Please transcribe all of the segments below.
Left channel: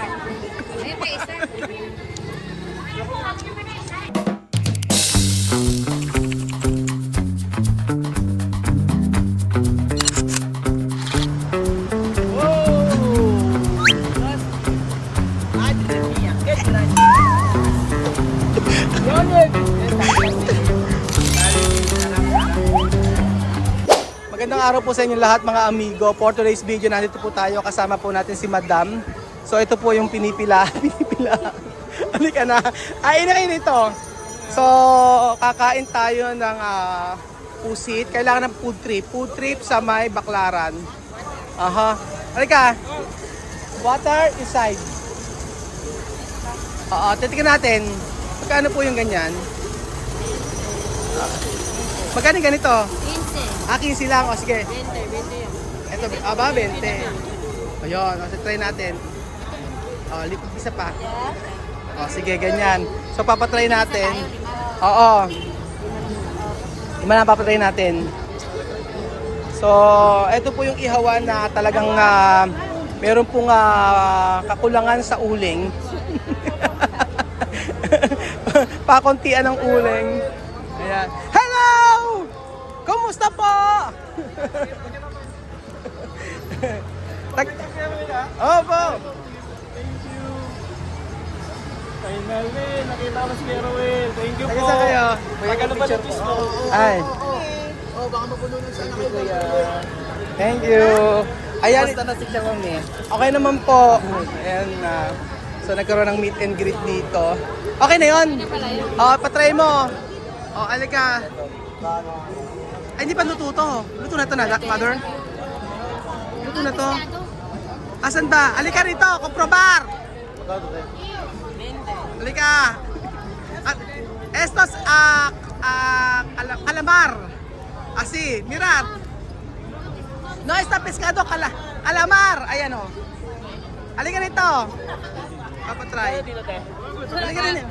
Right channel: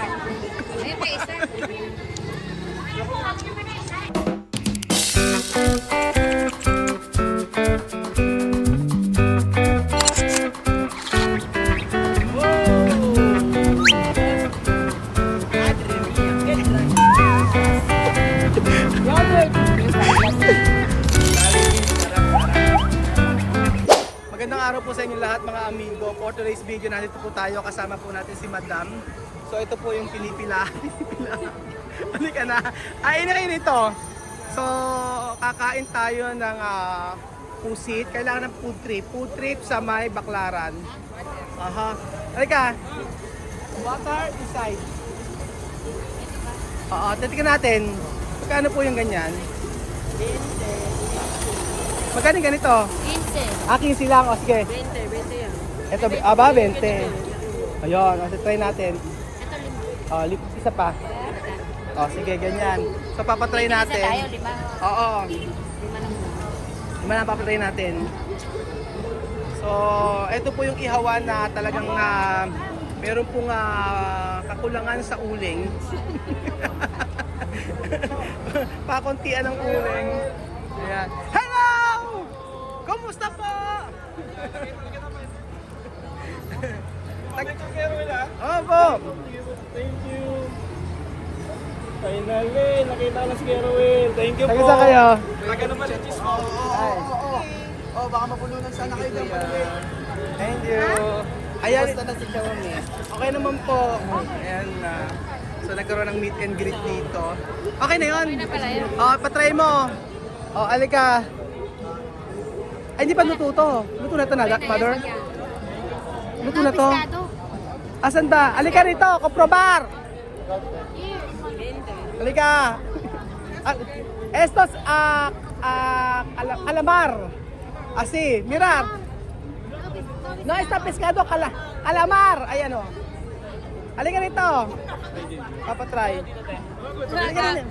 Ayun pa isa. Magandang araw po sa inyo lahat mga amigo. For today's video, nandito po tayo. Kasama po natin si Madam. So ito po yung pinipila. Pinipila. Halika na. Ay, inain ito. So, kakain tayo ng pusit. Kailangan ng food trip. Food trip sa may Baklaran. Aha. Halika. Water inside. Oo, titikin natin. Magkano po yung ganyan? Magkano ganito? 15. 15 lang. O sige. 20 yan. Ito, aba, 20. Ayun, o, try natin. O, isa pa. O, sige, ganyan. So, papatry natin. Oo. Lima na papatry natin. So, ito po yung ihawan na talagang meron pong kakulangan sa uling. Pakuntian ng uling. Ayan. Hello! Kumusta po? Opo. Thank you. Finally, nakita ko na si Kerwin. Thank you po. Nag-isa kayo? Tagal na ba sa twist mo? Ay. Oo, baka mabulunan sana kayo. Thank you. Ayan. Basta na si Kerwin. Okay naman po. Ayan na. So nagkaroon ng meet and greet dito. Okay na yun. Patry mo. Alika. Ay, hindi pa luto to. Luto na to na, mother. Luto na to. Asan ba? Alika rito, komprobar. Alika. Estos calamar. Así, mirar. No está pescado, calamar. Ayan o. Alika rito. Papatry. Alika rin.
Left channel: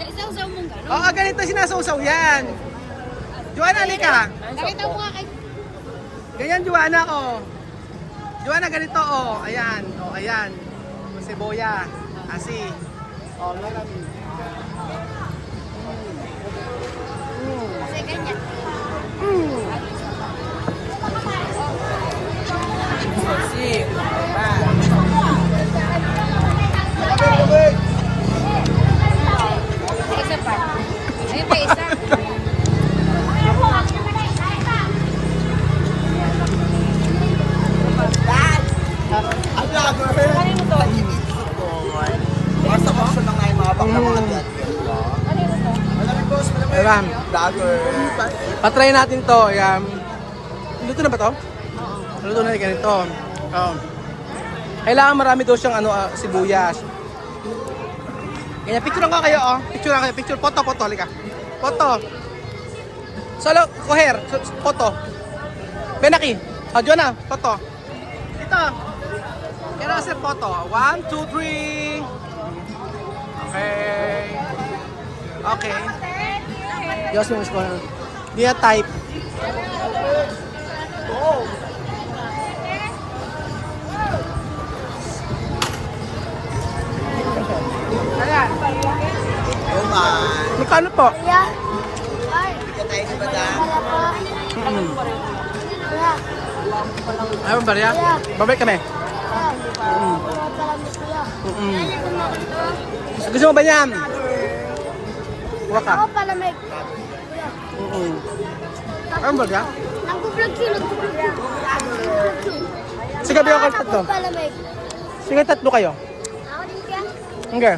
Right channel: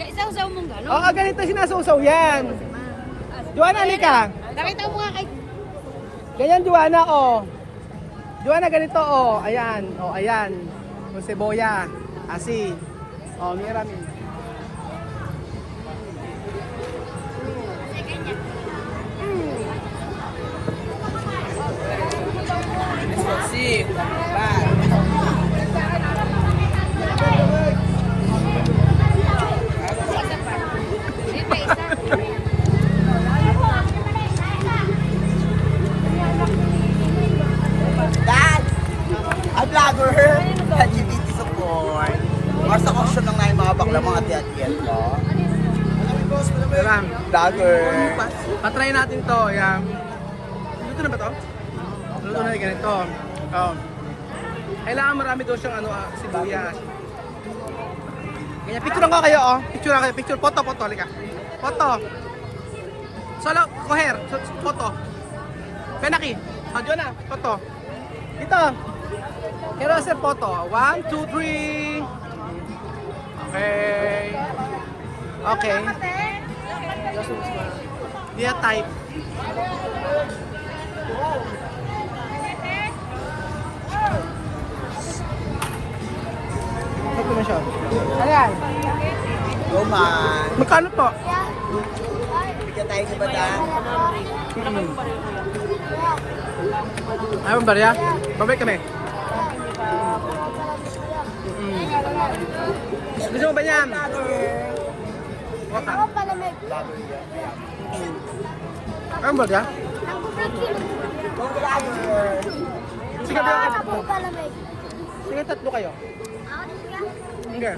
Isa-usaw mong gano'n. Oo, ganito sinasawsaw yan. Joanna, alika. Ganito mo nga kay... Ganyan, Joanna, oh. Joanna, ganito, oh. Ayan, oh, ayan. O, seboya. Asi. Oh, nirami. Si, bye. Isa pa. Ayun pa isa. Ang vlogger. Nandito sa buhay. Nasa kurso na ngayon habang na mga tiyan. Ayan. Vlogger. Patry natin to. Ayan. Luto na ba to? Luto na ganito. Oh. Kailangan marami daw siyang sibuyas. Ganyan, picture lang ko kayo, oh. Picture lang kayo. Picture, photo, halika. Photo. Solo, coher. Photo. Benaki. Joanna, photo. Dito. Kaya sa photo. 1, 2, 3. Okay. Okay. Diyos mo mismo. Dia type. Hindi ko na siya. Ayan. Magkano po? Ay, barya? Babalik kami. Gusto mo ba yan? Buka ka. Ay, barya? Sige, bayo kayo tatlo. Sige, tatlo kayo. Okay.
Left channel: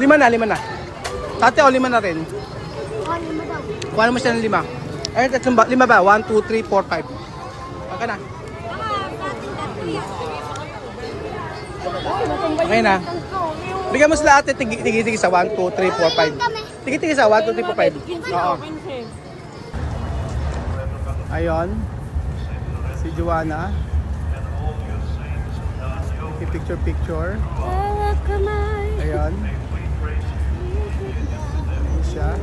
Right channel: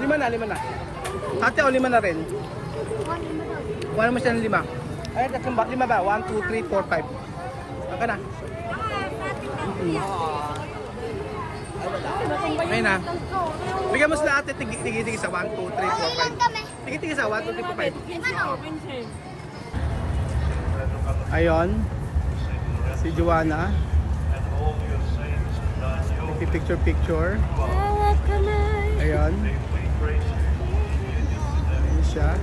Lima na. Tate, o 5 na rin. Kuha mo siya ng 5. Eh, 5 ba? 1, 2, 3, 4, 5. Okay na. Okay na. Bigyan mo sila ate, tigi-tigi sa 1, 2, 3, 4, 5. Tigi-tigi sa 1, 2, 3, 4, 5. Oo. Ayon. Si Joanna. Picture. Ayan. Ayan siya.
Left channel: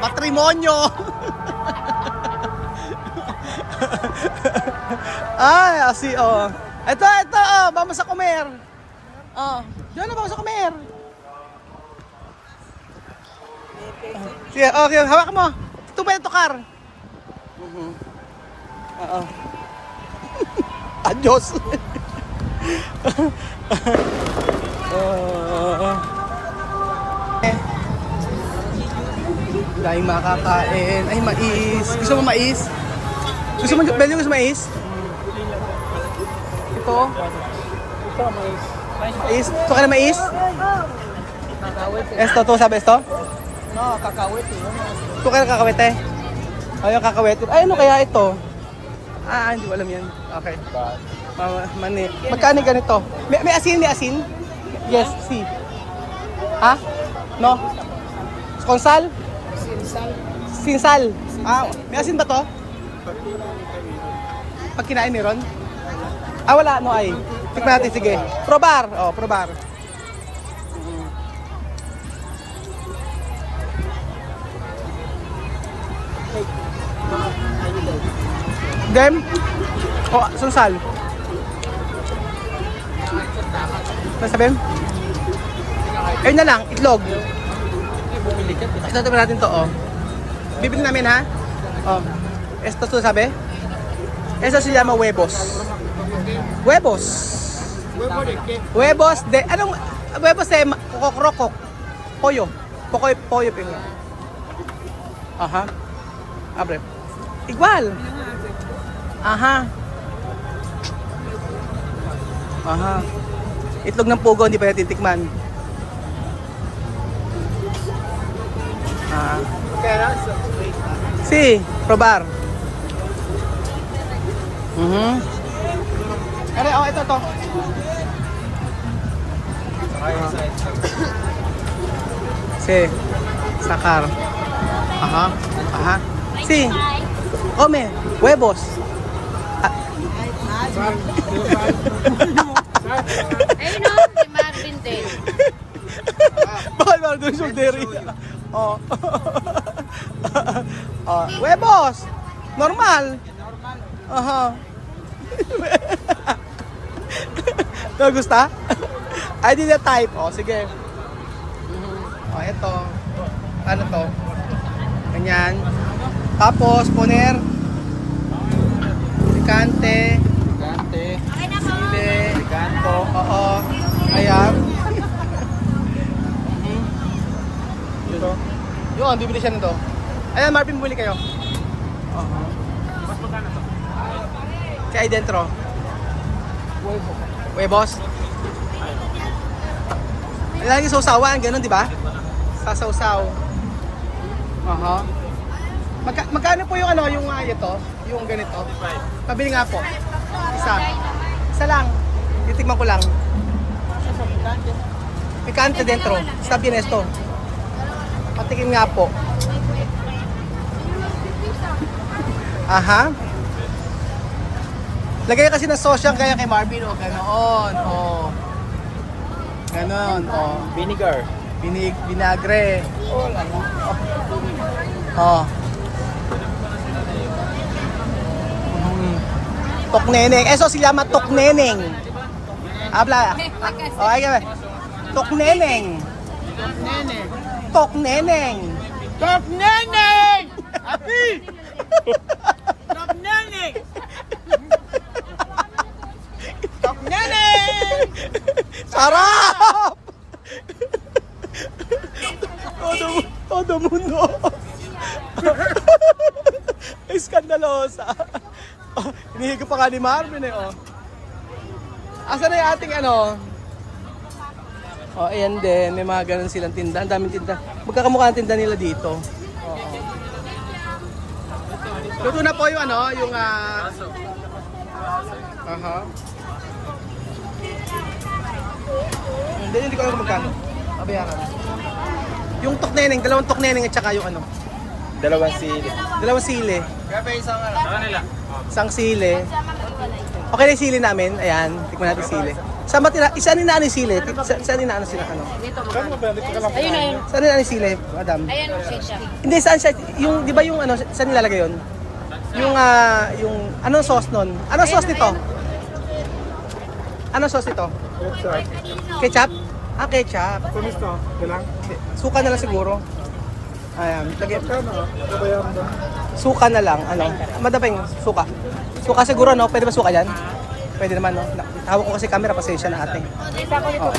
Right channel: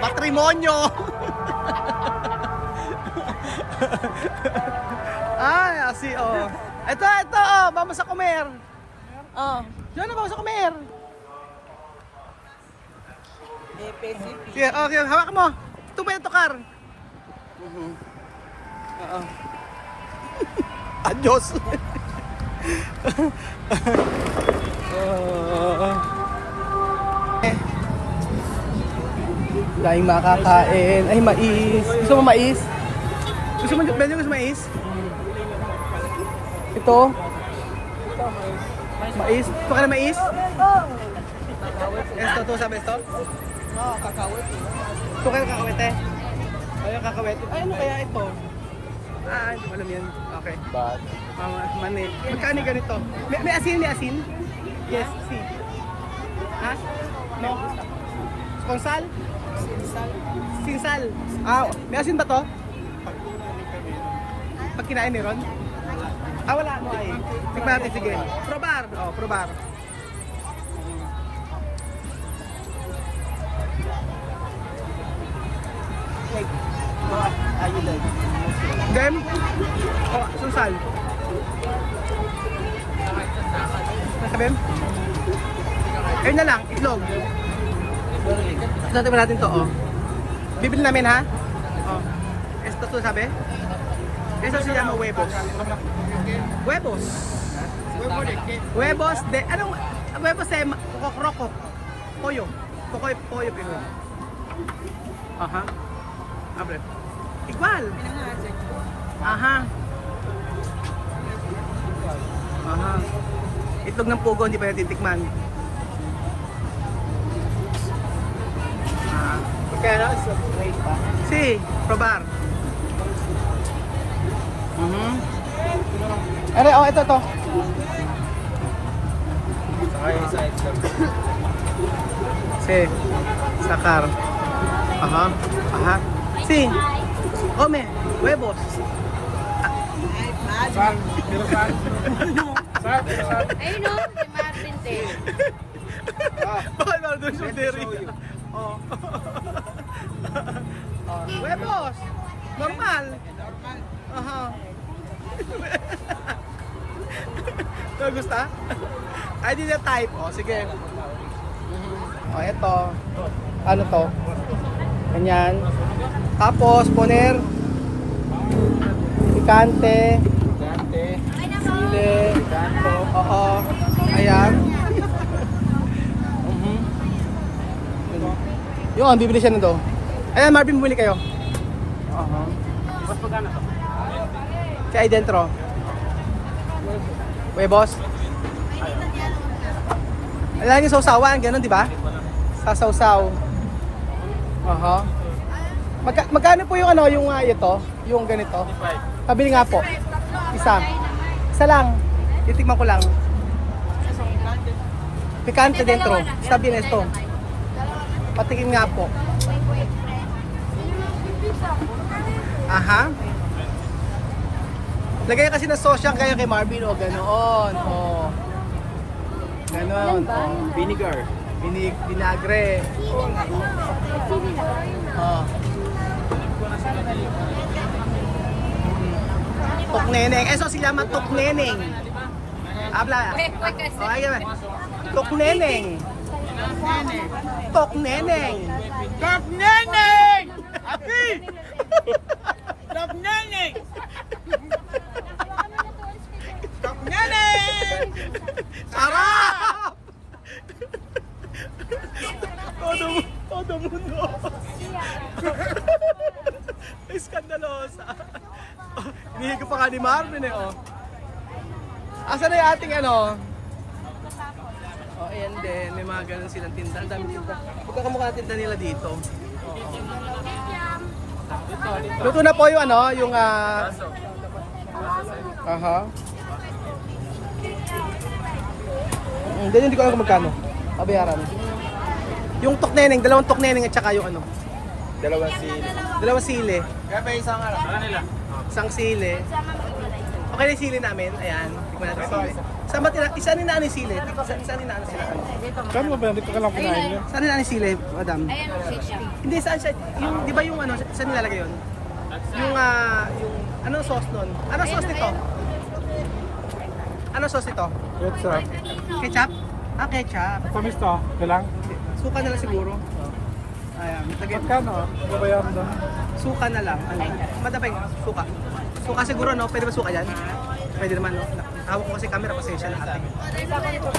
Matrimonyo. Ay, asi, oh. Ito, oh. Vamos sa comer. Oh. Diyan na, vamos sa comer. Sige, okay. Hawak mo. Ito ba yung tukar? Oo. Adios. Daming makakain. Ay, mais. Gusto mo mais? Gusto mo, Belyo, gusto mo mais? Ito. Mais. Ito ka na mais? Esto, to sabi esto? Ito ka na kakawit eh. Ay, yung kakawit. Ay, ano kaya ito? Ah, hindi ko alam yan. Okay. Mani. Magkano ganito? May asin, may asin? Yes, si. Ha? No? Konsal? Sinsal. Ah, may asin ba to? Pag kinain ni Ron? Ah, wala. No ay. Tikman natin, sige. Probar. Oh, probar. Dem? Oh, sunsal. Nasabihin? Ayun na lang, itlog. Ito, tingnan natin to, oh. Bibili namin, ha? Oh. Esto to sabi? Esto se llama huevos. Huevos. Huevos de... Anong... Huevos de... Kokokrokok. Pollo. Pollo, pero. Aha. Abre. Igual. Aha. Aha. Itlog ng pugo, hindi pa natin tikman. Ah. Si, probar. Ere, oh, ito to. Si, sakar. Aha, aha. Si, come, huevos. Ayun o, si Marvin din. Bakit ba doon yung dairy? Oh. Oh, huevos. Normal. Aha. Ito, gusta? I did a type. Oh, sige. Oh, ito. Ano to? Ganyan. Tapos, poner. Picante. Chile. Oo. Ayan. Ito. Yun, bibili siya nito. Ayan, Marvin, bumili kayo. Si ay dentro. Huevos. Lagi sausawan, ganun, di ba? Sasawsaw. Aha. Magkano po yung ano, yung ito, yung ganito? Pabili nga po. Isa. Isa lang. Titikman ko lang. Picante dentro. Está bien esto. Patikim nga po. Aha. Lagay kasi ng sauce yan kaya kay Marvin o ganoon. O. Ganon. O. Vinegar. Vinagre. Oh. Tokneneng. Eso se llama tokneneng. Habla. Oh, ay, tokneneng. Tokneneng. Tokneneng! Aki! Tokneneng! Tokneneng! Sarap! Todo mundo. Ay, skandalosa. Oh, hinihiga pa nga ni Marvin eh, oh. Asa na yung ating ano? Oh, ayan din. May mga ganun silang tinda. Ang daming tinda. Magkakamukha ng tinda nila dito. Oo. Luto na po yung ano, yung aha. Hindi ko alam kung magkano. Pabayaran. Yung tokneneng, dalawang tokneneng at saka yung ano. Dalawang sili. Dalawang sili. Kaya pa isang ano? Sa kanila. Isang sili. Okay na yung sili namin. Ayan, tikman natin sili. Saan ba tira? Isa ni Nani Sile. Saan ni Nani sila ano? Kano ba? Dito ka lang kinain niyo. Saan ni Nani Sile, madam? Ayan, shake shop. Hindi, saan siya? Yung, di ba yung ano, saan nilalagay yun? Yung, anong sauce nun? Anong sauce nito? Anong sauce nito? Ketchup? Ah, ketchup. Pamis to? Ito lang? Suka na lang siguro. Ayan, lagay. Kano? Ito ba yung doon? Suka na lang, ano? Madapeng, suka. Suka siguro, no? Pwede ba suka yan? Pwede naman, no? Hawak ko kasi camera, pasensya na ate. Oh.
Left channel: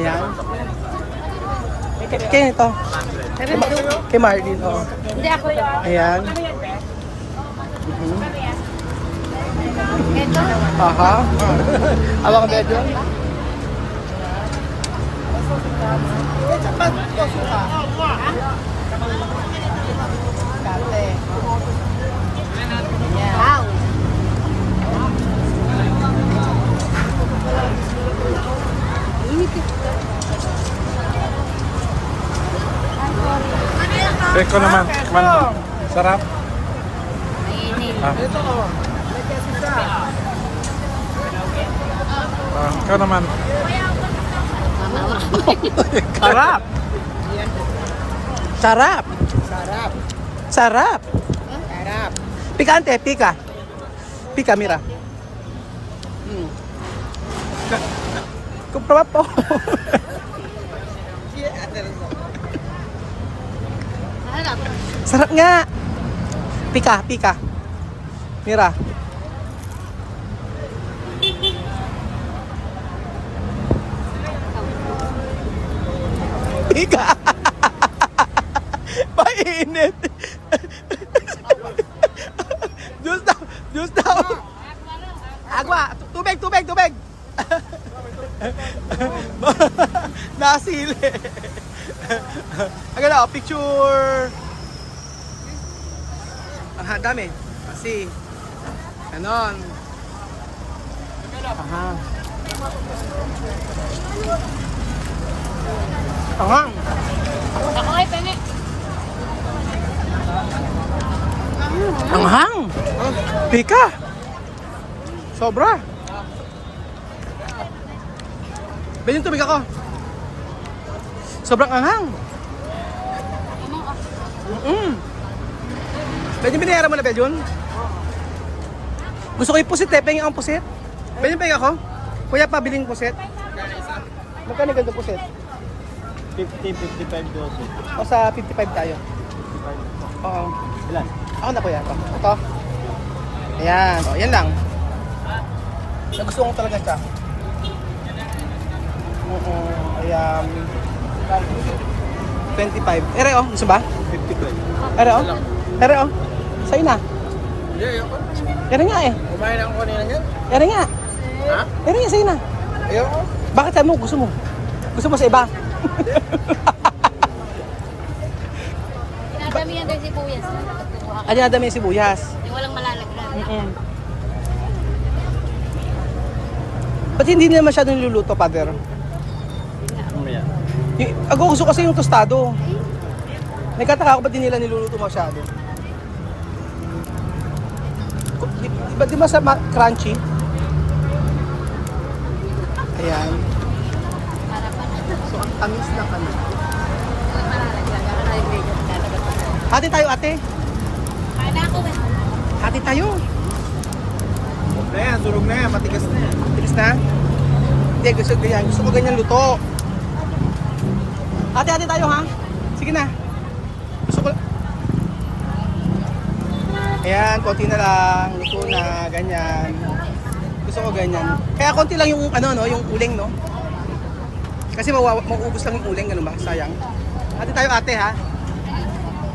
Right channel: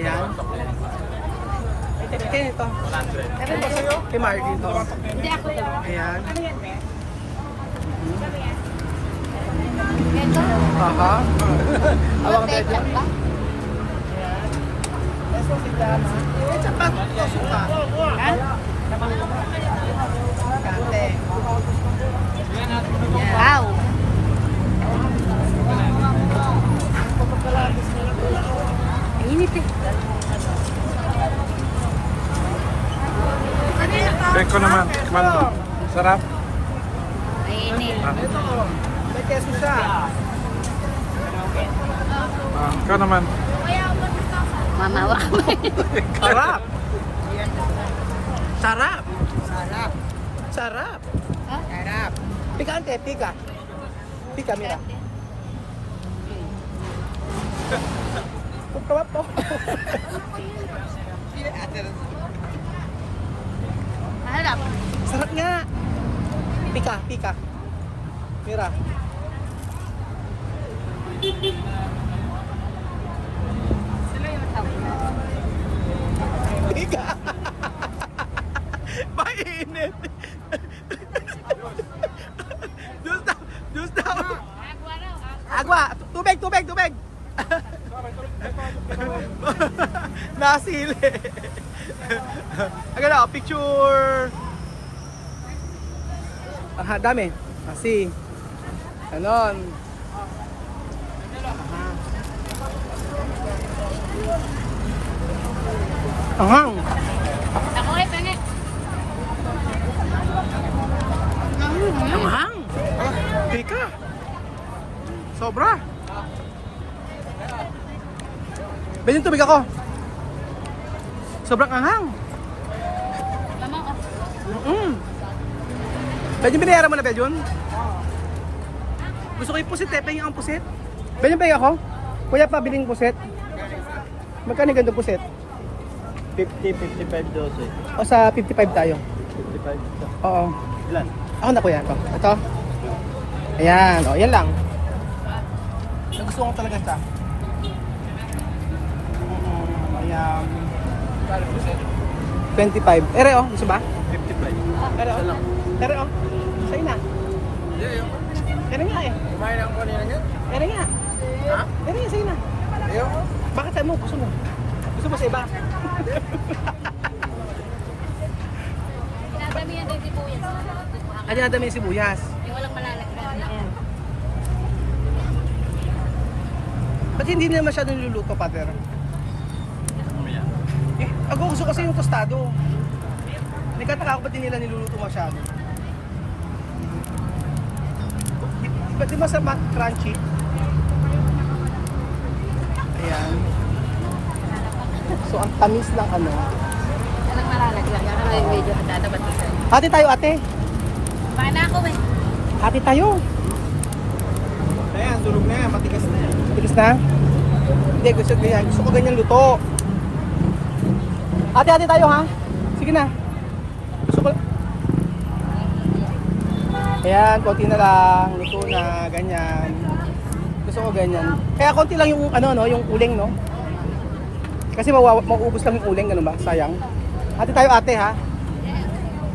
Ayan. Kaya ito. Kay Marvin, oo. Hindi ako yung... Ayan. Aha. Alam ko ba yan? Ayan. Eso si Llama. Ketchup ba ito suka? Ha? Kante. Wow! Beko naman. Kaman mo. Sarap. Mainit. Ah, Ito, may keso siya. ikaw naman. Mamawak. Sarap. Sarap. Sarap. Sarap. Sarap. Pikante, pika. Pika, mira. Kumprama po. Harap. Sarap nga. Pika, pika. Mira. Pika. Mainit. Diyos daw. Diyos daw. Agwa. Tubig, tubig, tubig. Nasili. Agad ako, picture. Aha, dami. Kasi. Ganon. Aha. Ako ay penge. Anghang. Pika. Sobra. Bilhin tubig ako. Sobrang anghang. Tamang ako. Pwede binayaran mo na, Beljon? Gusto ko yung pusit eh. Pengi ang pusit. Beljon, pengi ako. Kuya, pabiling pusit. Magkano yung gandang pusit? 50, 55 dose. O sa 55 tayo. 55. Oo. Ilan? Ako na kuya. Ito. Ayan. O, yan lang. Nagustuhan ko talaga siya. Oo. Ayan. 25. Ere, oh. Gusto ba? 55. Ere, oh. Ere, oh. Sa'yo na. Yeah, ayoko. Ere nga eh. Kumain ako kanina niyan. Ere nga. Ha? Ere nga, sa'yo na. Ayoko. Bakit sabi mo? Gusto mo? Gusto mo sa iba? Pinadamihan din si Puyas. Ano na dami yung sibuyas? Yung walang malalagyan. Ba't hindi nila masyadong niluluto, Father? Mamaya. Gusto kasi yung tostado. Nagkataka ako ba't di nila niluluto masyado? Di ba sa crunchy? Ayan. So ang tamis ng ano. Walang malalagyan. Hati tayo ate. Paano ako eh? Hati tayo. Ayan, tulog na yan. Matigas na yan. Bilis na? Hindi, gusto ko ganyan. Gusto ko ganyan luto. Hati-hati tayo ha. Sige na. Gusto ko... Ayan, konti na lang. Luto na, ganyan. Gusto ko ganyan. Kaya konti lang yung ano no, yung uling no. Kasi mauubos lang yung uling, ano ba? Sayang. Hati tayo ate ha.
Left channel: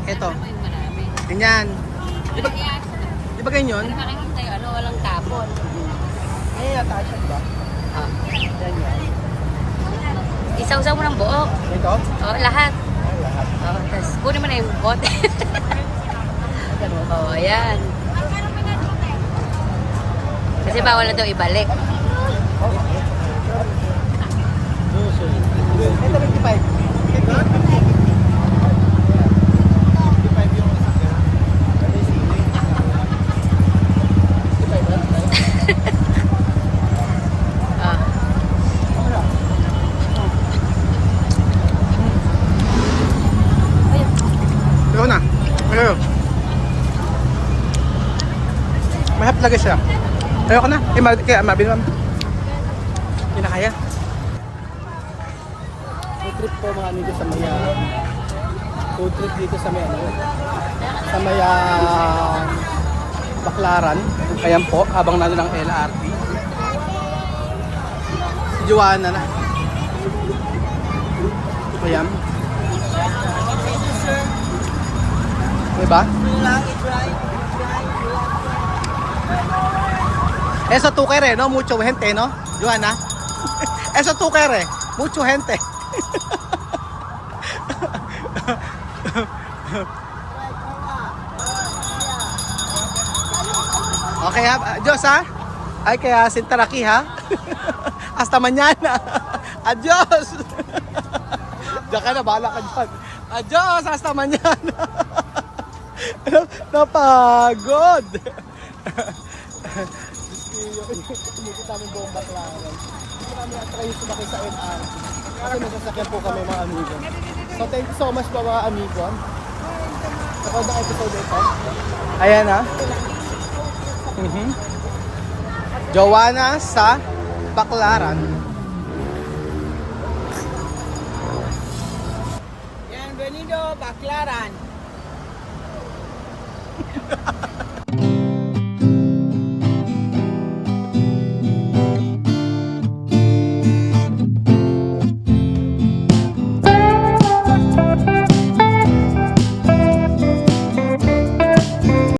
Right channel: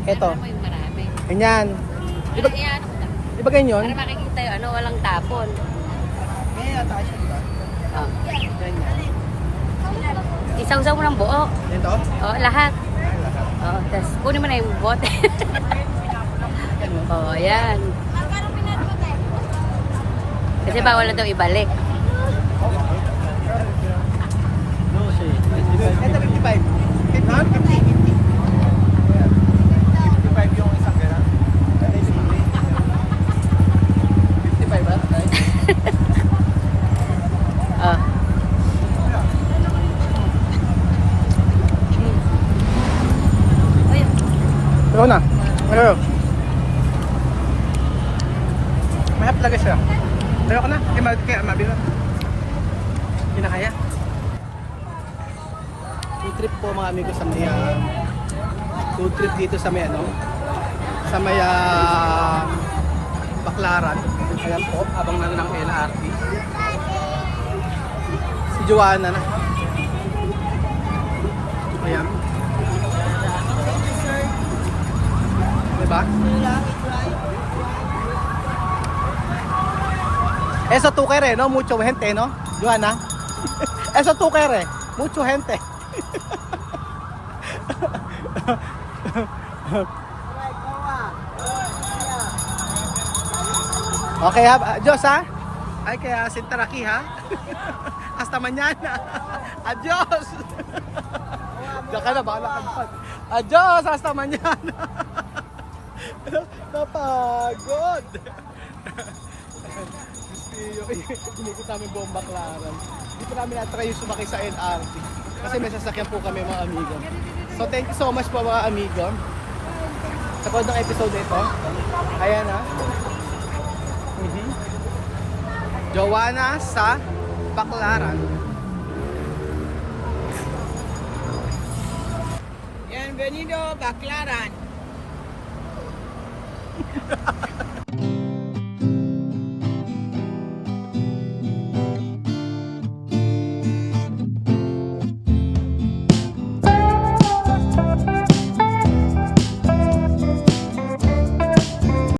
Eto. Ano mo yung marami? Ganyan. Ano yan? Di ba ganyan? Para makikita yung ano, walang tapon. Ganyan tayo siya, di ba? Oh. Ganyan. Isaw-saw mo ng buo. Ito? Oh, lahat. Ay, lahat. Oh, tapos kunin mo na yung bote. Ay, ganun. Oh, ayan. Kasi bawal na daw ibalik. Ito 55. 50. talaga siya. Ayoko na. Kaya mabili ma'am. Hindi na kaya. Food trip po mga amigo sa may food trip dito sa may ano, sa may Baclaran. Ayan po, habang nandun ang LRT. Si Joanna na. Ayan. Diba? Eso tú quieres, no? Mucho gente, no? Joanna? Eso tú quieres, mucho gente. Okay ha, adios ha. Ay kaya sintaraki ha. Hasta mañana. Adios. Diyan ka na, bahala ka dyan. Adios, hasta mañana. Napagod. Inikot namin buong Baclaran. Dito namin na-try yung sumakay sa LRT. Kasi may sasakyan po kami mga amigo. So thank you so much po mga amigo. Sa pod ng episode ito. Ayan ha. Joanna sa Baclaran. Bienvenido, Baclaran.